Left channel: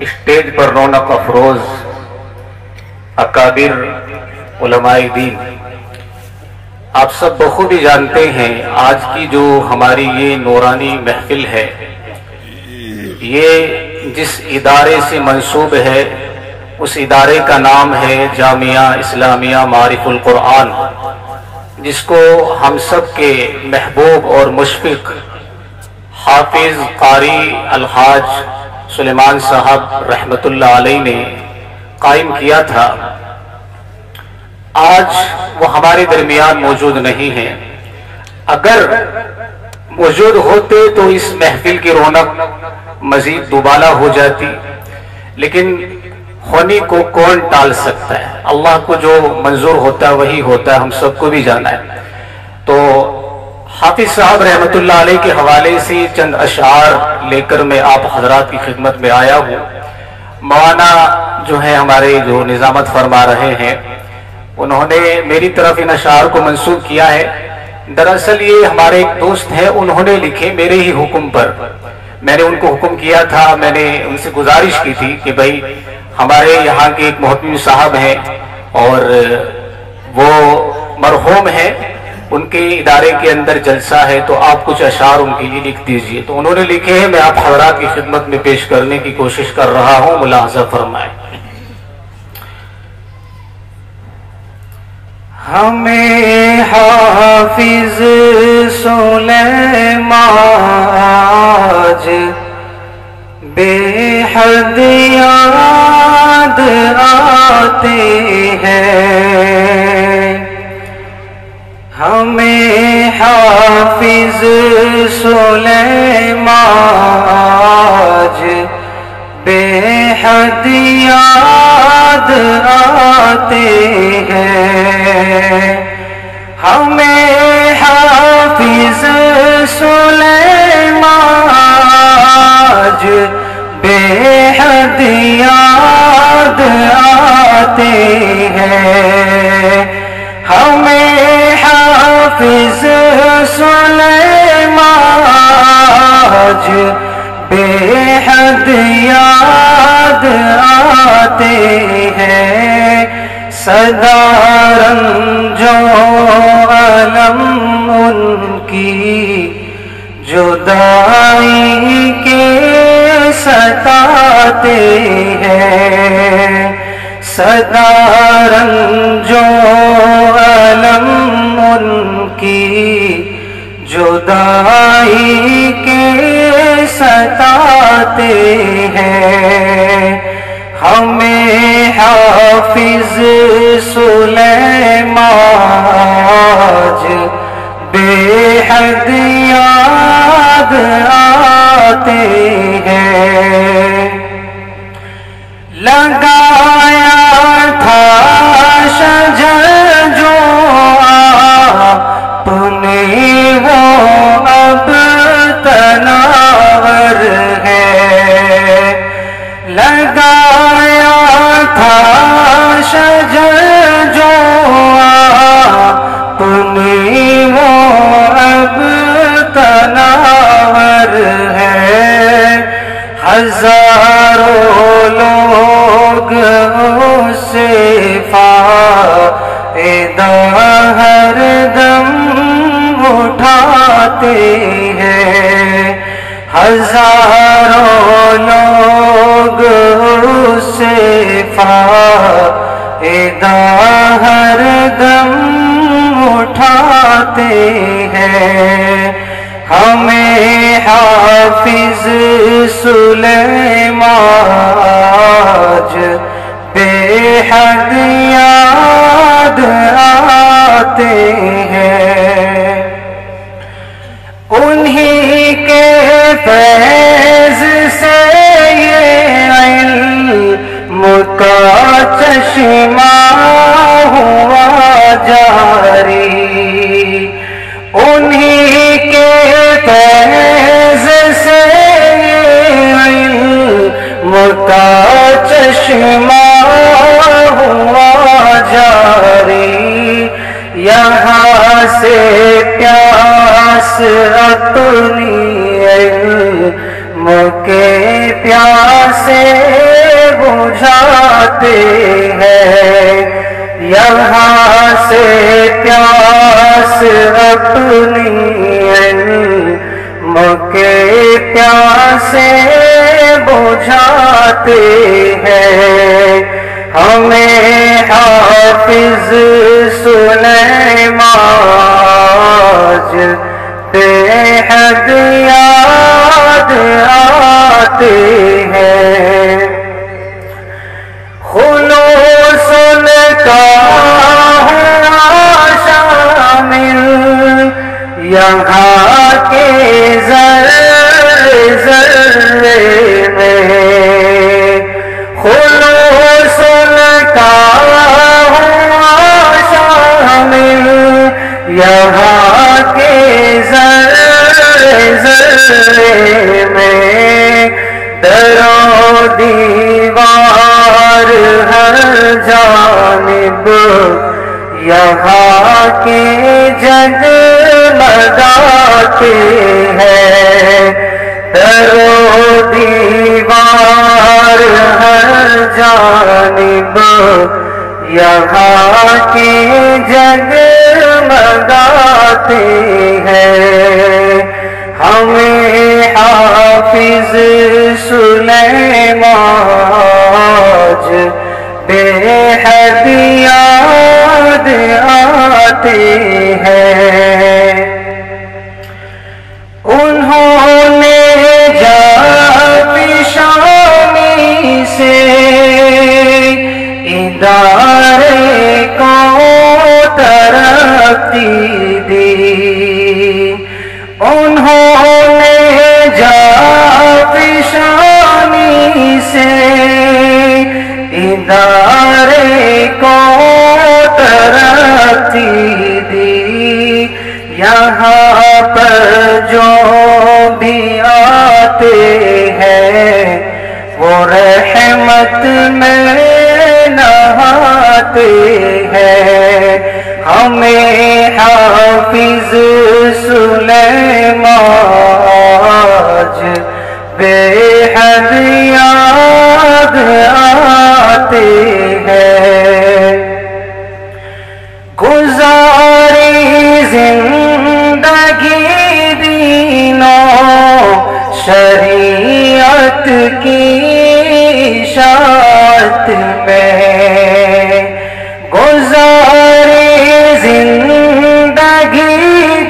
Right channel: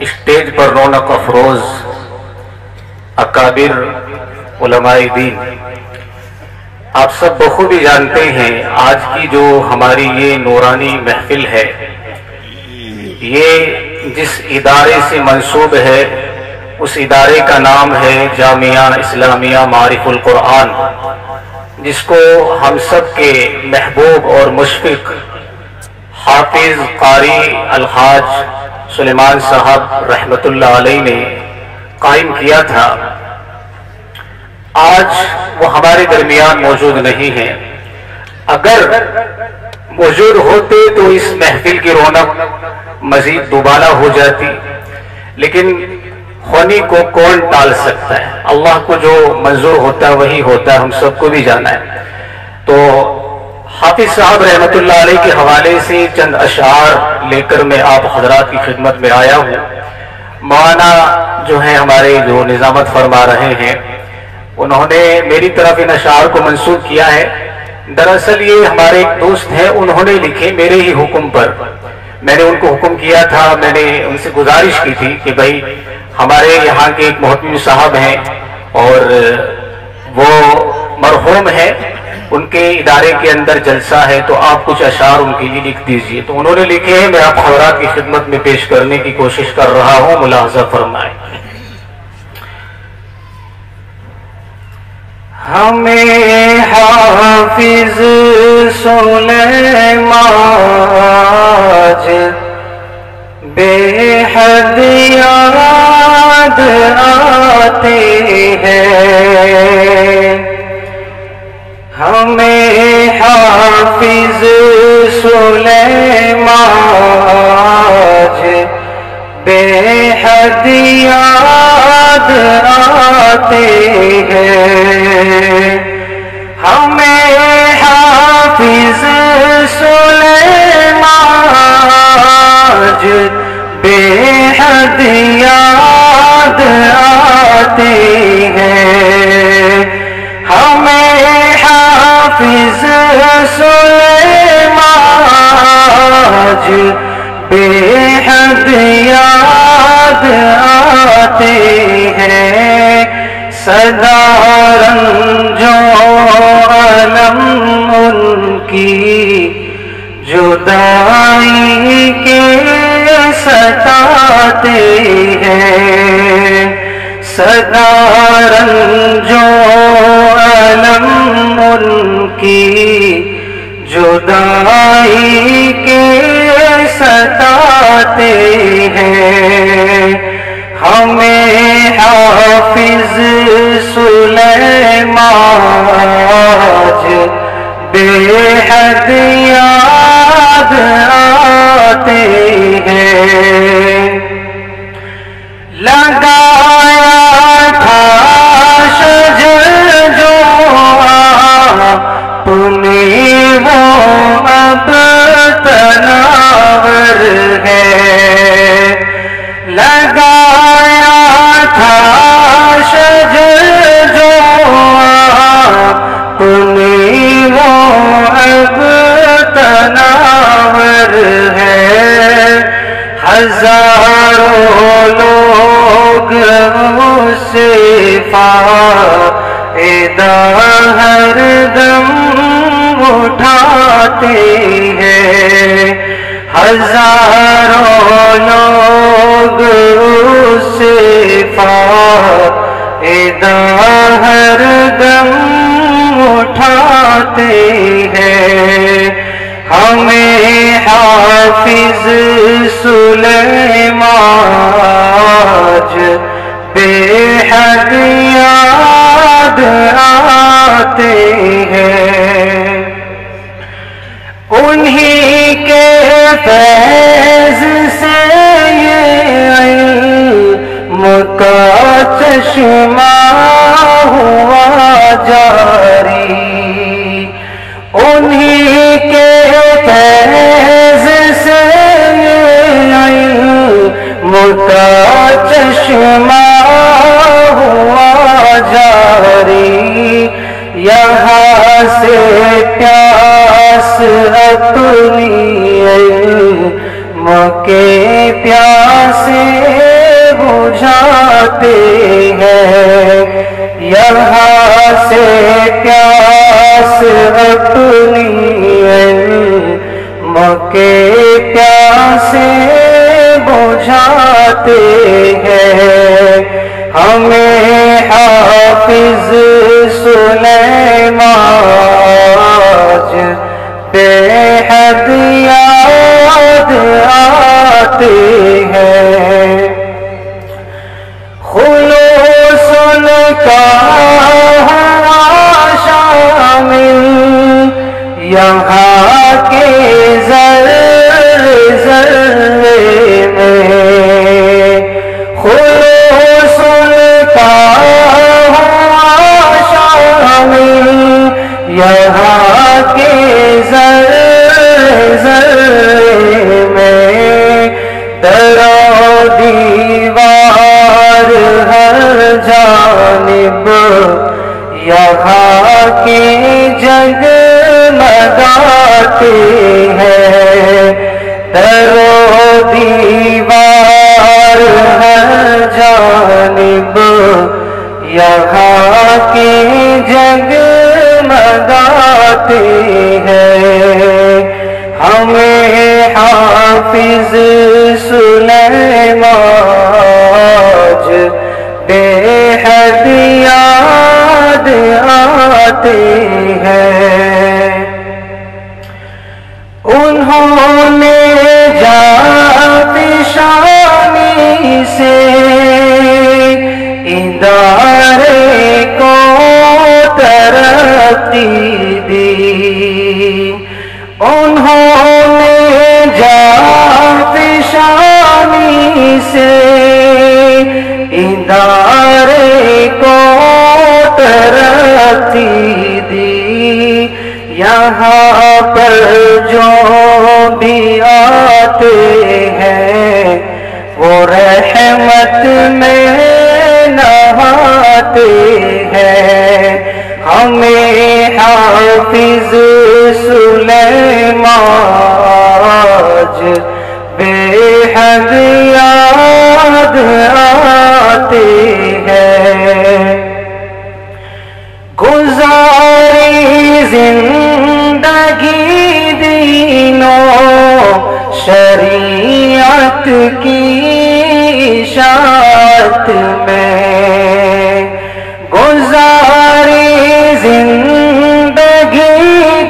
Stage پر رونق افروز اکابر علماء دین، آپ سب بخوبی جانتے ہیں آج کی جو ہماری یہ نورانی محفل ہے، یہ جس ادارے سے منسوب ہے اس ادارے کا نام ہے جامعہ اسلامیہ معارف القرآن، جس کو ہم سب کے محبوب اور مشفق حافظ قاری الحاج سلیمان صاحب رحمت اللہ علیہ نے قائم کیا تھا۔ آج وہ ہمارے درمیان موجود نہیں ہیں، اگر موجود ہوتے تو اس محفل کی رونق مزید دوبالا ہو جاتی، لیکن ہونی کو کون ٹال سکتا ہے؟ اللہ کو جو منظور ہوتا ہے وہی ہوتا ہے، ہم سب کو بھی جانا ہے۔ تو حافظ صاحب رحمت اللہ علیہ کے حوالے سے چند اشعار لے کر میں آپ حضرات کی خدمت میں آیا ہوں۔ مولانا جو ہیں ہمارے جو نظامت فرما رہے ہیں، انہوں نے میری طرف ان اشعار کو منسوب کیا ہے۔ دراصل یہ ہمارے ایک دوست ہیں، انہوں نے لکھے میرے ہی حکم پر۔ میں نے ان کو حکم کیا تھا، میں نے ان سے گزارش کی تھی کہ بھائی ہمارے یہاں کے ایک محترم صاحب ہیں اور وہ مرحوم ہیں، ان کے ادارے کے اندر جلسہ ہے، تو آپ کچھ اشعار ان کے لیے لکھ دیجئے۔ تو انہوں نے لکھے ہیں، میں آپ حضرات کی خدمت میں پیش کرنے کی کوشش کر رہا ہوں، ملاحظہ فرمائیں۔ ہمیں حافظ سلیمان آج بے حد یاد آتے ہیں، ہمیں حافظ سلیمان آج بے حد یاد آتے ہیں، ہمیں حافظ سلیمان آج بے حد یاد آتے ہیں، ہمیں حافظ سلیمان آج بے حد یاد آتے ہیں، سدا رنجو علم ان کی جدائی کے ستاتے ہیں، سدا رنجو علم ان کی جدائی کے ستاتے ہیں، ہمیں حافظ سلیمان آج بے حد یاد آتے ہیں، لگایا تھا شجر جو آپ نے وہ اب تناور ہے، لگایا تھا شجر جو آپ نے وہ اب تناور ہے، ہزاروں لوگ اسے فائدہ ہر دم اٹھاتے ہیں، ہزاروں لوگ اسے فائدہ ہر دم اٹھاتے ہیں، ہمیں حافظ سلیمان آج بے حد یاد آتے ہیں، انہی کے فیض سے یہ علم کا چشمہ ہوا جاری، انہی کے فیض سے یہ علم کا چشمہ ہوا جاری، یہاں سے پیاس اپنی کے پیاسے بجھاتے ہیں، یہاں سے پیاس اپنی علم کے پیاسے بجھاتے ہیں۔ ہمیں حافظ سلیمان بے حد یاد آتے ہیں، خلوص کا ہوا شامل یہاں کے ذرے ذرے میں، خلوص کا ہوا شامل یہاں کے ذرے ذرے میں، در و دیوار ہر جانب یہاں کے جگمگاتے ہیں، در و دیوار ہر جانب یہاں کے جگمگاتے ہیں۔ ہمیں حافظ سلیمان بے حد یاد آتے ہیں۔ انہوں نے جاپشانی سے ادارے کو ترقی دی، انہوں نے جاپشانی سے ادارے کو ترقی دی، یہاں پر جو بھی آتے ہیں وہ رحمت میں نہاتے ہیں۔ ہمیں حافظ سلیمان بے حد یاد آتے ہیں۔ گزاری زندگی دینوں شریعت کی اشاعت میں، گزاری زندگی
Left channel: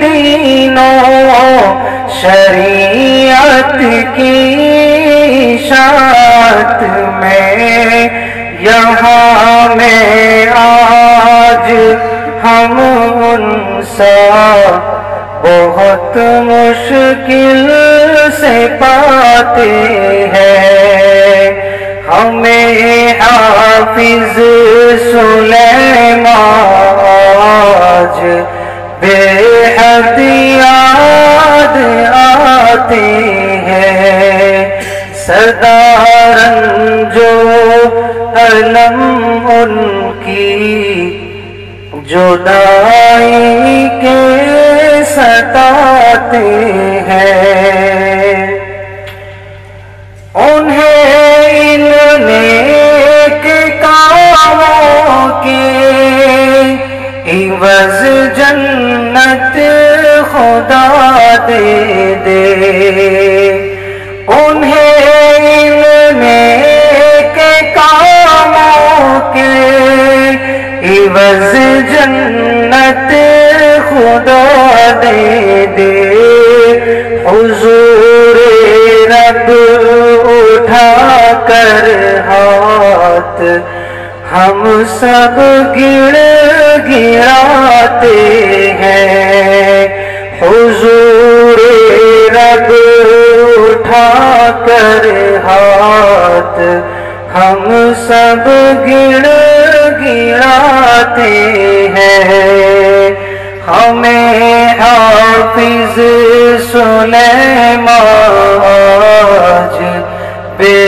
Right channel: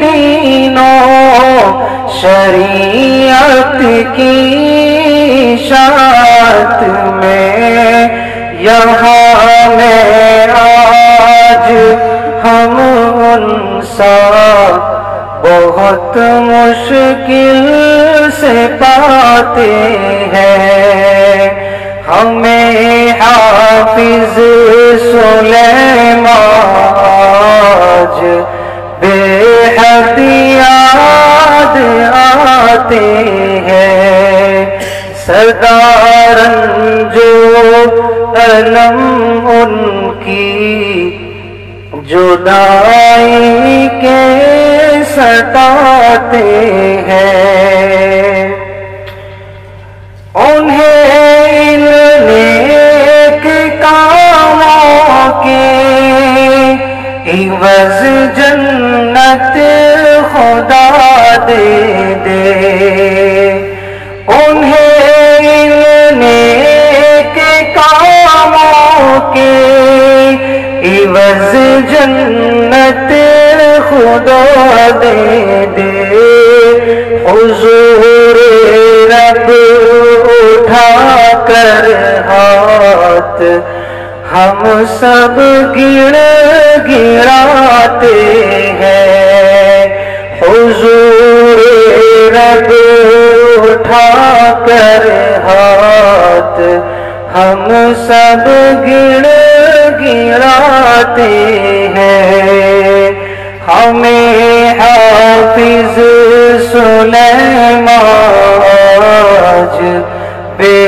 دینوں شریعت کی اشاعت میں، یہاں میں آج ہم ان سا بہت مشکل سے پاتے ہیں۔ ہمیں حافظ سلیمان بے حد یاد آتے ہیں۔ سردارن جو علم ان کی جدائی کے ستاتے ہیں، انہیں نیک کاموں کے عوض جنت خدا دے دے، انہیں نیک کاموں کے عوض جنت خدا دے دے۔ حضور رب اٹھا کر ہاتھ ہم سب گراتے ہیں، حضور رب اٹھا کر ہاتھ ہم سب گراتے ہیں۔ ہمیں حافظ سلیمان بے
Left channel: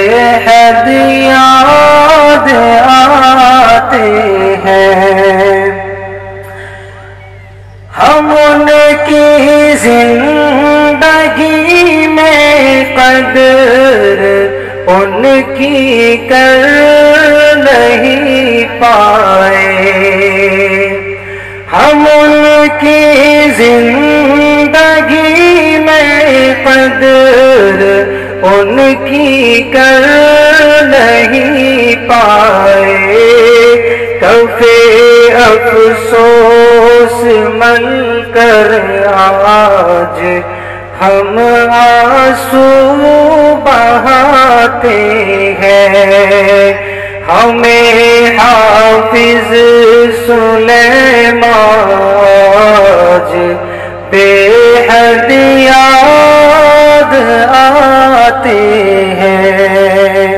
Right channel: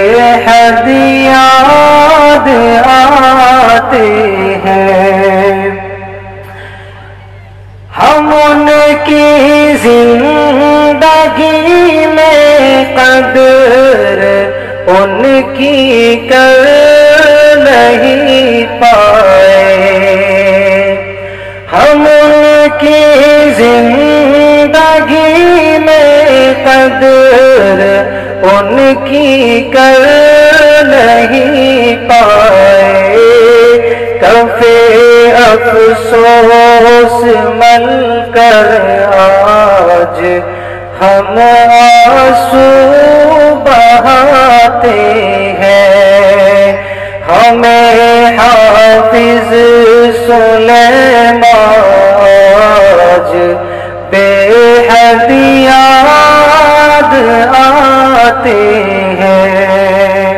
حد یاد آتے ہیں۔ ہم ان کی زندگی میں قدر کی کر نہیں پائے، ہم ان کی زندگی میں قدر ان کی کر نہیں پائے، کفے افسوس مل کر آج ہم آنسو بہاتے ہیں، ہمیں حافظ سلیمان آج بے حد یاد آتے ہیں۔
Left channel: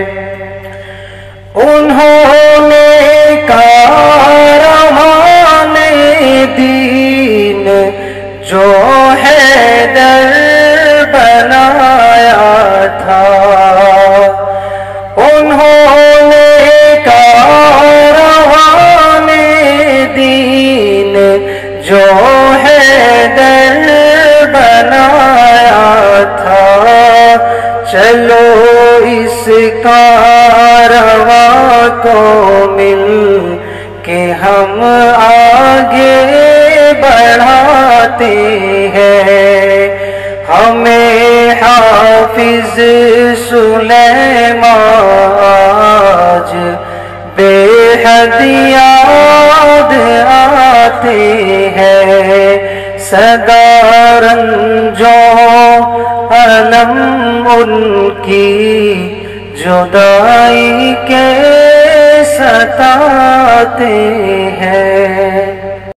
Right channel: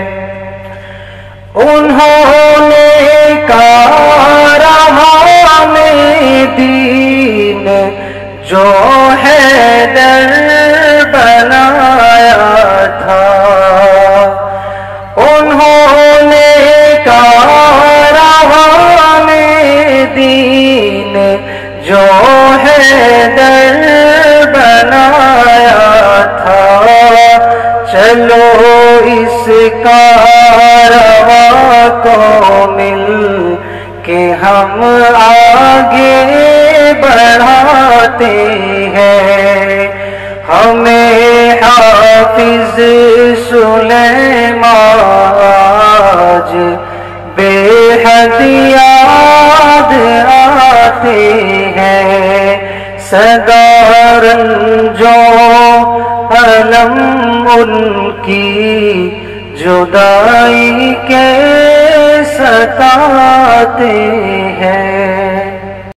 انہوں نے کاروان دین جو حیدر بنایا تھا، انہوں نے کاروان دین جو حیدر بنایا تھا، چلو اس کارواں کو مل کے ہم آگے بڑھاتے ہیں، ہمیں حافظ سلیمان آج بے حد یاد آتے ہیں، سدا رنجوں علم ان کی جدائی کے ستاتے ہیں۔